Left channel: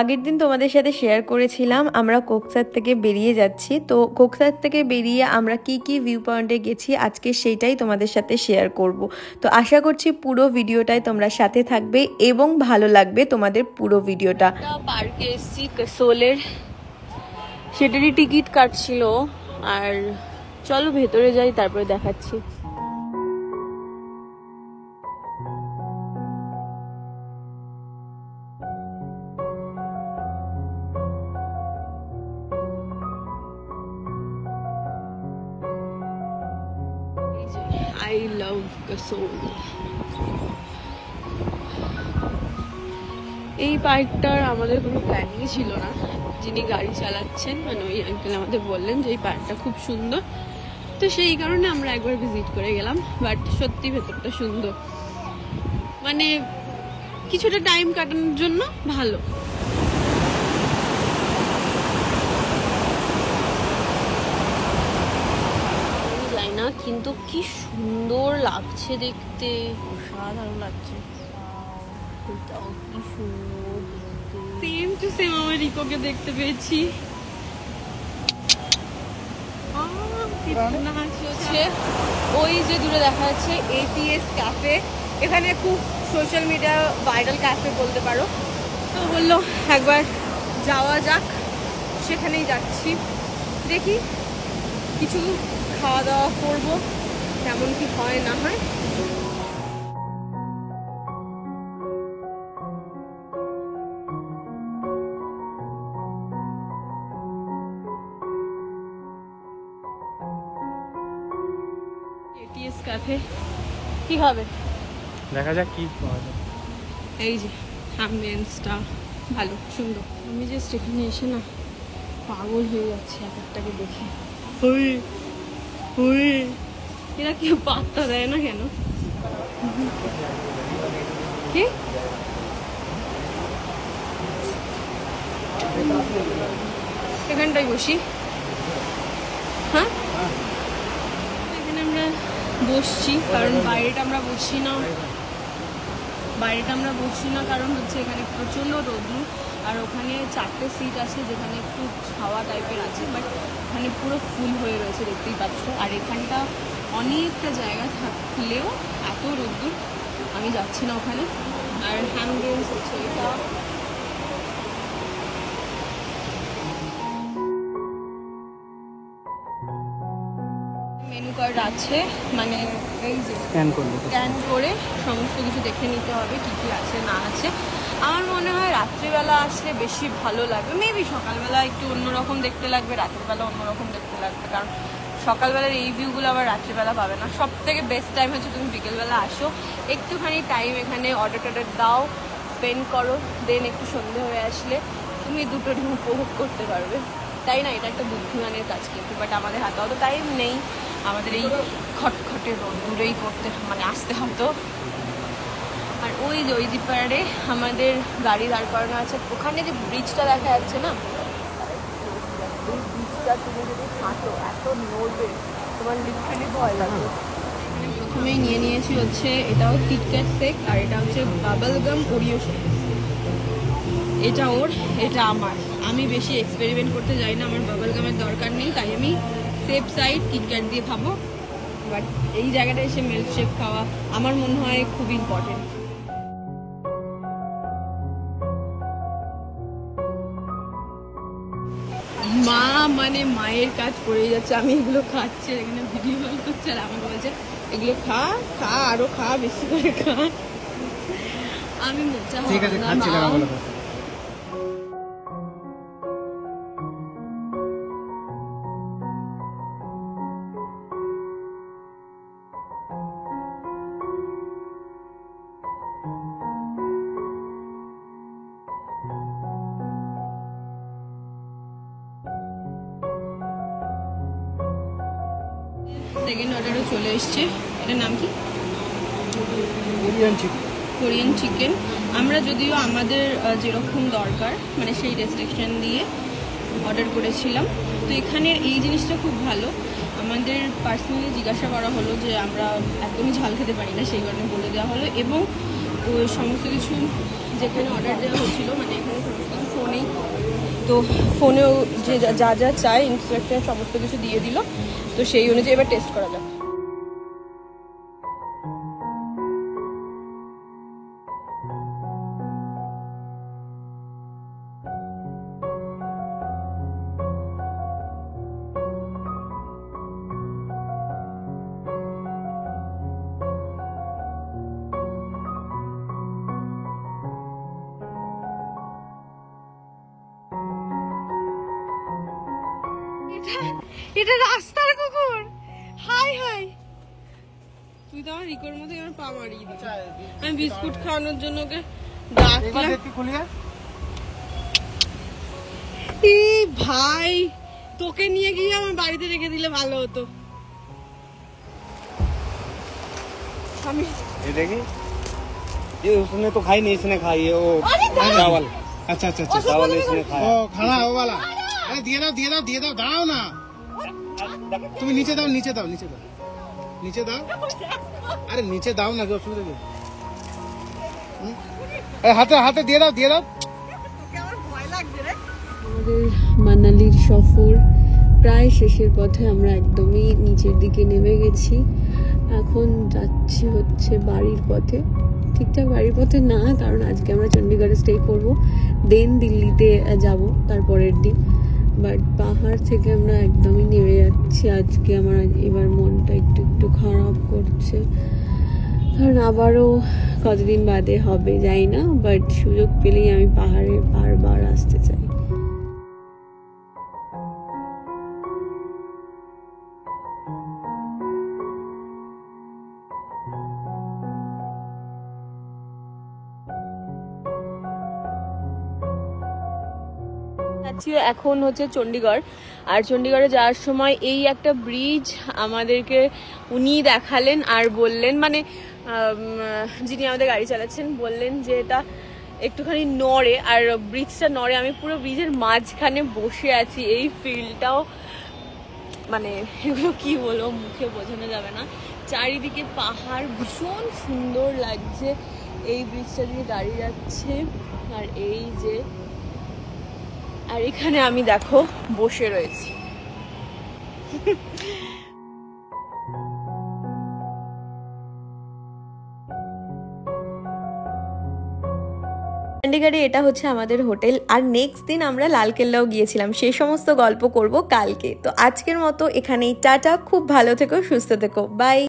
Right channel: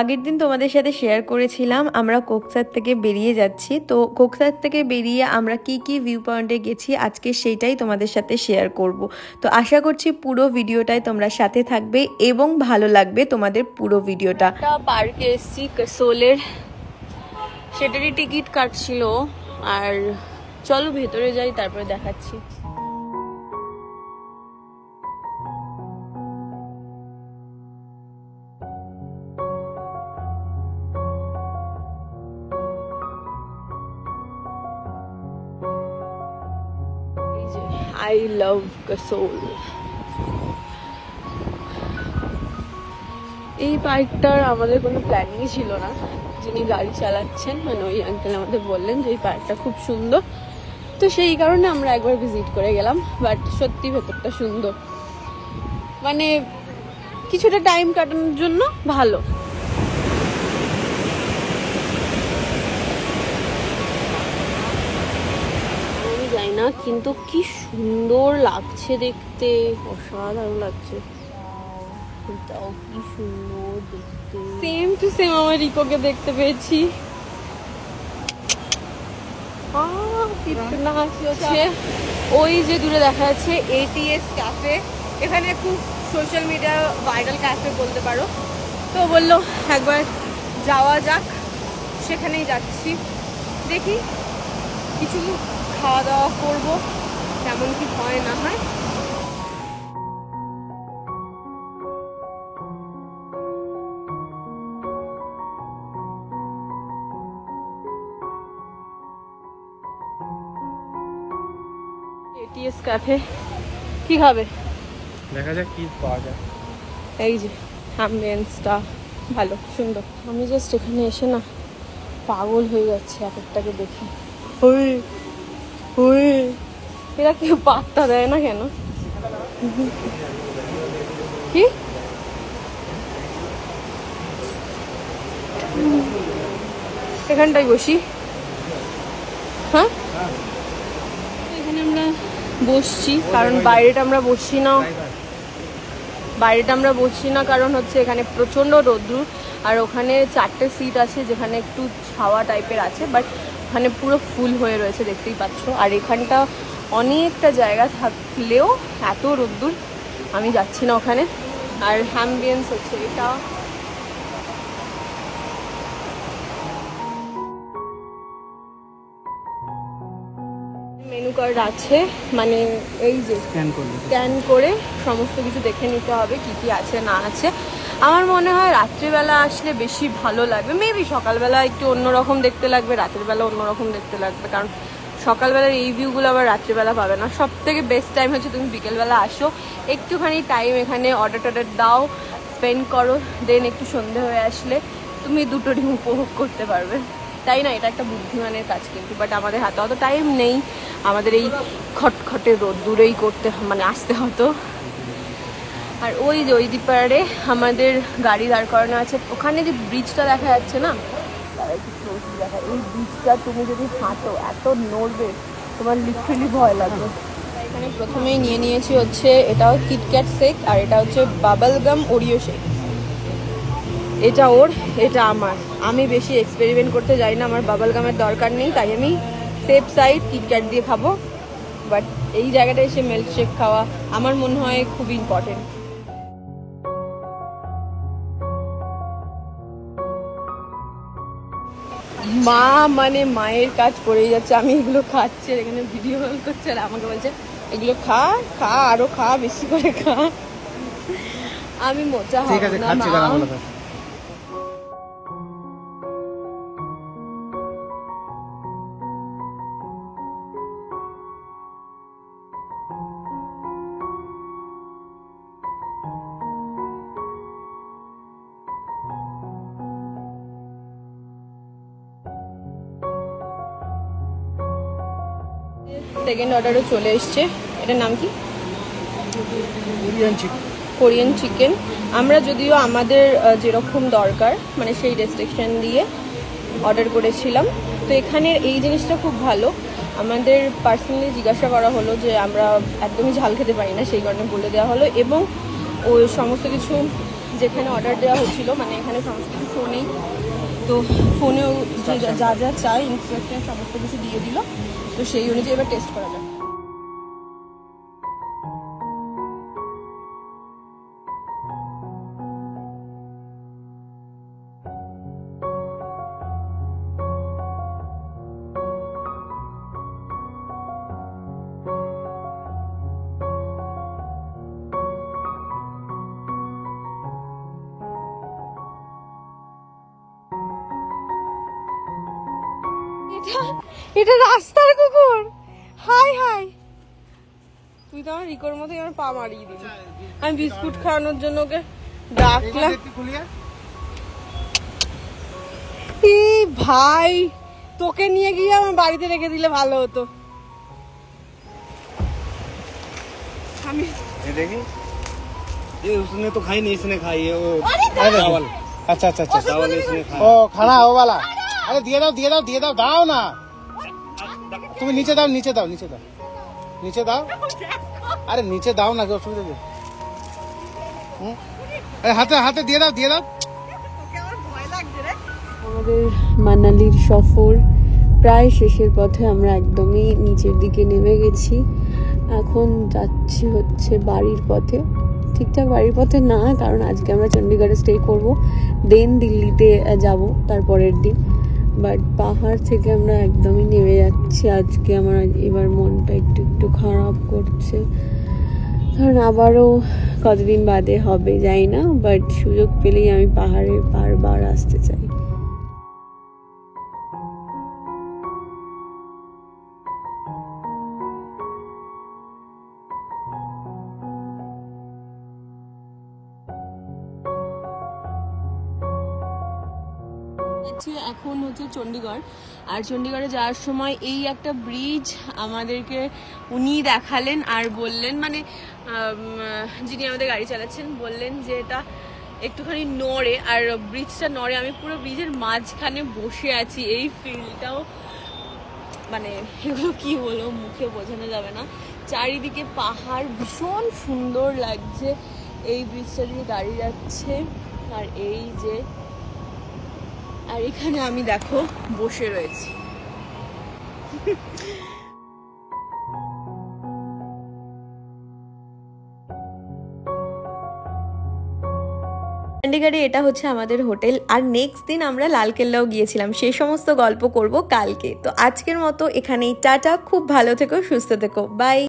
আগের দিন তোমাদের সাথে শেয়ার করেছিলাম আমরা কোকসার থেকে বেরিয়ে যাচ্ছি। তো কোকসার থেকে বেরিয়ে আমরা কি কি ভিউ পয়েন্টে গেছি আজকে সেইটাই তোমাদের সাথে শেয়ার করব। তো আশা করছি পুরো ভিডিওটাই তোমরা সাথে থাকবে এবং ভালো লাগবে তোমাদের পুরো ভিডিওটা। পার্কে এসেছি কাসোলের, সেটারই টিকিট কাটছিল। আর চলো ভেতরে যাই, তারপরে দেখাচ্ছি। I love Kasol. এই পার্কটার আমাদের কোনো প্ল্যানিংই ছিল না। যিনি গাড়ি চালাচ্ছেন মানে ওই আঙ্কেল আমাদের বললেন যে এই পার্কটা খুব সুন্দর, তো সেই কারণে আমরা একবার ভিজিট করে গেলাম। বাট সত্যি ভেতরটা সুন্দর, মানে কিছুটা টাইম কাটানোর জন্য ভালো। না কিন্তু কি সুন্দর লাগছে দেখতে, অসাধারণ লাগছে। কি সুন্দর দেখতে, সেম টু সেম আমার রিকোকে দেখতে পেয়েছি। ওই যে দূরে দেখা যাচ্ছে ATS ক্যাফে, এখানে খুব সোশ্যাল মিডিয়া ভাইরাল ক্যাফে বলতে পারো। তো বললো একবার যাওয়া যাক, সেখানেই যাচ্ছি। দেখি কিছু খাওয়া দাওয়া করবো, কেমন কি হয় না হয়। ATS ক্যাফে কি খাবে দেখা যাক কি পাওয়া যায়। এই যে অ্যাম্বিয়েন্সটা ভালো সুন্দর। আমি জাস্ট এখানে এসে না পাগল হয়ে যাচ্ছে এক একটাকে দেখে। এরা কেউ পাত্তা দেয় না কেন? কি এখানটায় বসি? হ্যাঁ এখানে আমরা বসছি কারণ বাইরেটা আমরা বসছি না, কারণ হচ্ছে এখানে প্রচন্ড রোদ্দুর। আর ওখানে 4টে সিট আছে যেখানে একটু ছাওয়া টাইপের আছে, বাট ওখানে পুরো ফুল হয়ে রয়েছে দেখতেই পাচ্ছ। আর এখানটা অনেকটা জায়গা থাকলেও এত রোদ্দুর, আমি যাচ্ছি না ওখানে। আর অ্যাম্বিয়েন্স হচ্ছে এটা, মেনু কার্ড আছে, মানে এই যে স্ক্যান করে সমস্ত কিছু দেখে নিতে হবে কি কি আছে না আছে। আমার মনে হয় রাত্রিবেলা আসলে বেশি ভালো লাগবে। মেবি সকালবেলা একটু অন্যরকম দেখতে লাগবে, রাত্রিবেলা অন্যরকম দেখতে লাগবে, কারণ সকালবেলা এই ভিউগুলো আবার রাত্রিবেলা পাবে না। সব থেকে বেস্ট টাইম হচ্ছে তুমি বিকেলবেলা আসো, একটুখানি টাইম এখানে অর্ডার দাও, স্পেন্ড করো, দেন একটু সন্ধ্যা হয়ে আসলে তুমি দুটো দিন উপভোগ করতে পারবে। তাই না? এটা একটা বুদ্ধিমানের কাজ কিন্তু, বাট আমাদের হাতে অত টাইম নেই। আমাদের এই খটখটে রোদ্দুরেই করতে মানে আসতে হতো। আর ওই যে ওই দিপারে আমাদের গাড়ি দাঁড় করানো আছে, ওখানে যে বিচটা দেখা যাচ্ছে না, ওই বিচটা তুমি যদি থাকো এত নড়বে তোমার লিটারালি ভয় লাগবে। আমি প্রথমেই নিয়ে নিয়েছি হচ্ছে এটাও কিটক্যাট শেক, আর এটা হচ্ছে বাবল গাম ওরিও শেক। এটা ওর, এটা আমার। আমি বেশি এক্সপেরিমেন্ট করতে যাই না, আমার বাবল গামের দরকার নেই, তাই আমি সেফ সাইড কিটক্যাট দিয়ে খাবো। বাট এই জায়গাটা এসে মিল্কশেক খাওয়া আমার মনে হয় খুব ইম্পর্টেন্ট। মা মানে মায়ের কাজ করেই যাচ্ছে। আমি এগুলো খাচ্ছি, এখানে ভিডিও কল করছে আর আমাকে বলছে এগুলো খা আরো খা, বেশি করে খা। আমি মোচা হবে না। সেকেন্ড অর্ডারও চলে এসছে। এটার নাম কি? Korean chicken. আমরা যদিও আমাদের যেরকম দরকার মানে সেই রেস্ট্রিকশন দিয়ে অর্ডার করেছিলাম। তো এখানের এই জিনিসটা খুব ভালো। আমাদের পার্সোনালি জিজ্ঞাসা করা হলো যে আমরা একদমই ঝাল খেতে পারি না, সেই কারণে বলে দেওয়া হলো। এবং ওই সমস্ত কিছু যেখানে অর্ডার দেওয়া হচ্ছিল মানে এখানে সমস্ত কিছু ফোনে নেই, তো ফোনেও যে যা যা চাই ইনস্ট্রাকশন সমস্ত কিছু দিয়ে দিল, তো সেই অনুযায়ী এবার টেস্ট করা যাক। এটা রাস্তার কুকুর। হাই হাই, তুই তো আমার রিকোর মতো আমার পা মারিয়ে দিবি। আমি বিস্কুট খাওয়ানোর জন্য ওকে ডাকলাম। এই ভাই, তোকে নিয়ে গিয়ে আমার বাড়িতে রেখে দিলে ভালো হতো। আমি देखी ये उसने तो खाई नहीं, इसने खाई है वो चावल। अच्छा अच्छा अच्छा, चावल इसने खाया। ओ खाना वो वाला। अरे दिए दाओ दाओ ना। तुम नीचे दाओ नीचे दाओ नीचे दाओ नीचे दाओ। अरे नीचे दाओ ना, जो सुविधा दे। अरे हाथे हाथे দিয়ে দাও। আমাদের মানালির সফর প্রায় শেষের পথে, আমরা একদমই নিচের দিকে নেমে গেছি। এখন যাচ্ছি হচ্ছে বাড়ির পথে। ঠিকঠাক বাড়ির পথে না, কারণ আজকে আমরা চণ্ডীগড়ে স্টে করব, দেন দিল্লিতে যাব তারপরের দিন। বাট পাহাড় থেকে আমরা একদমই নেমে যাচ্ছি আজকে। আমার এবার মনটা একটু একটু খারাপ করছে, কারণ আবারও কতদিন বাদে হবে যাই না, বাট সুযোগ পেলেই আমি পাহাড়ে বারবার আসতে চাই। এখন হচ্ছে চণ্ডীগড়, আর চণ্ডীগড়ে যাওয়ার সময় এই একটা ব্রিজ আমাদেরকে উনি দেখালেন আর বললেন, মানে যিনি আমাদের গাড়ি চালাচ্ছেন বললেন যে এটা একটুখানি নড়ে, আর ব্রিজটা নড়ে। আমি পুরো ব্রিজের মাঝখানে বসে আছি, এই ফিলটাও মানে কি বলবো, মুখে বোঝানো যাবে না। চারিদিকে পাহাড়, ভীষণ সুন্দর লাগছে। এই ব্রিজটা দিয়ে গাড়ি যাচ্ছে, আর এই যে, আর এখানে আমি দেখো বসে রয়েছি। চণ্ডীগড়ে এটা হচ্ছে আমাদের হোটেল, আর নেক্সট দিন আমরা লালকেল্লাও গিয়েছিলাম, সেই সমস্ত গল্প করব কালকে। তো আজকের মতো এখানেই টাটা, খুব ভালো থেকো, সুস্থ থেকো, বাই।